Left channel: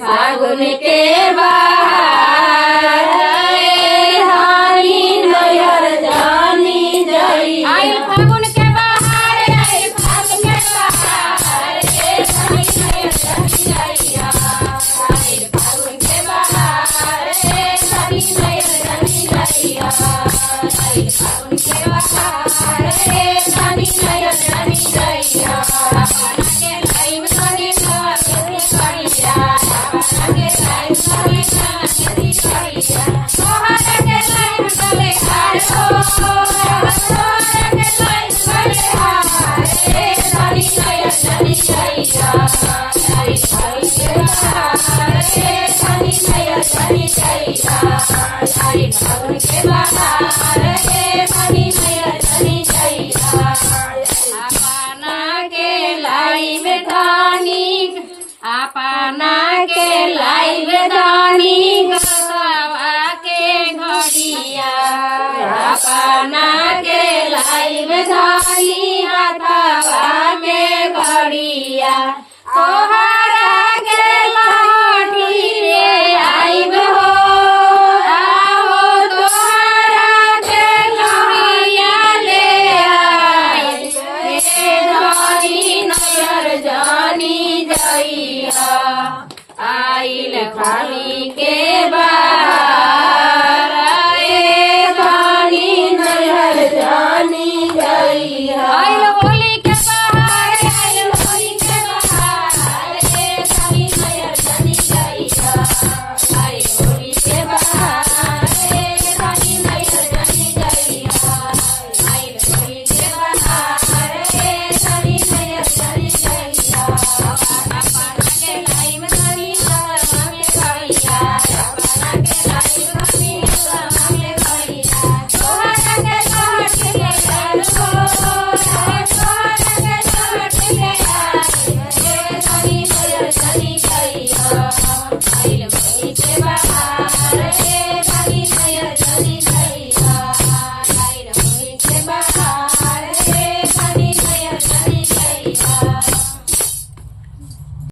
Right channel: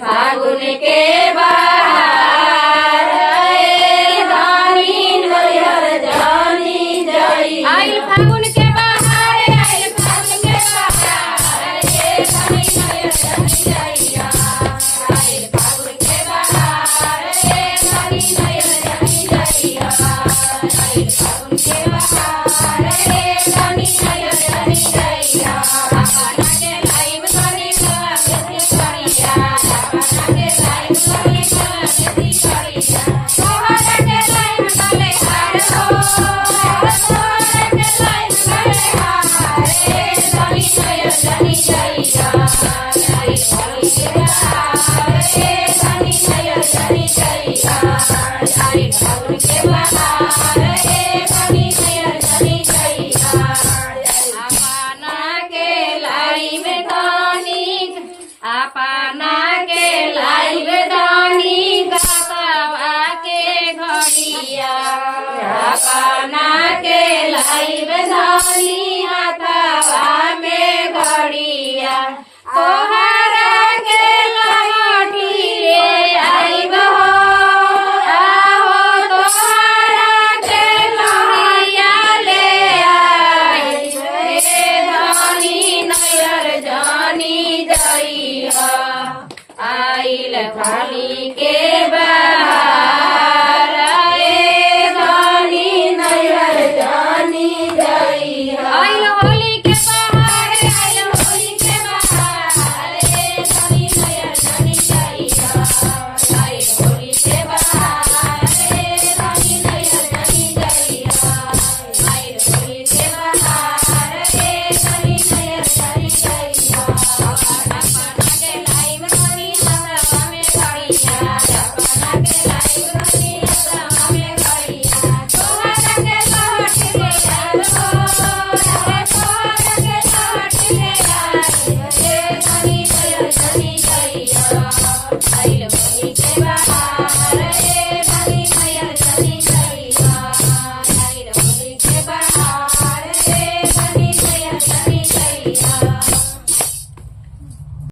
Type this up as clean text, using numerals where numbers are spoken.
फागुन के बहार धानी नैहर जानी जाई आई फागुन के बहार आई फागुन के बहार धानी नैहर जानी जाई आई फागुन के बहार धानी नैहर जानी जाई आई फागुन के बहार धानी नैहर जानी जाई अपना के लाइव धानी का खेती करिया अपना के लाइव दानी गवा के घड़िया अपना के लाइव दानी हाथवा में घड़िया तोहरा के लहठी ले आइब हो आओ तोहरा के लहरिया ले आई हे धानी नैहर जानी जाई आइल होली के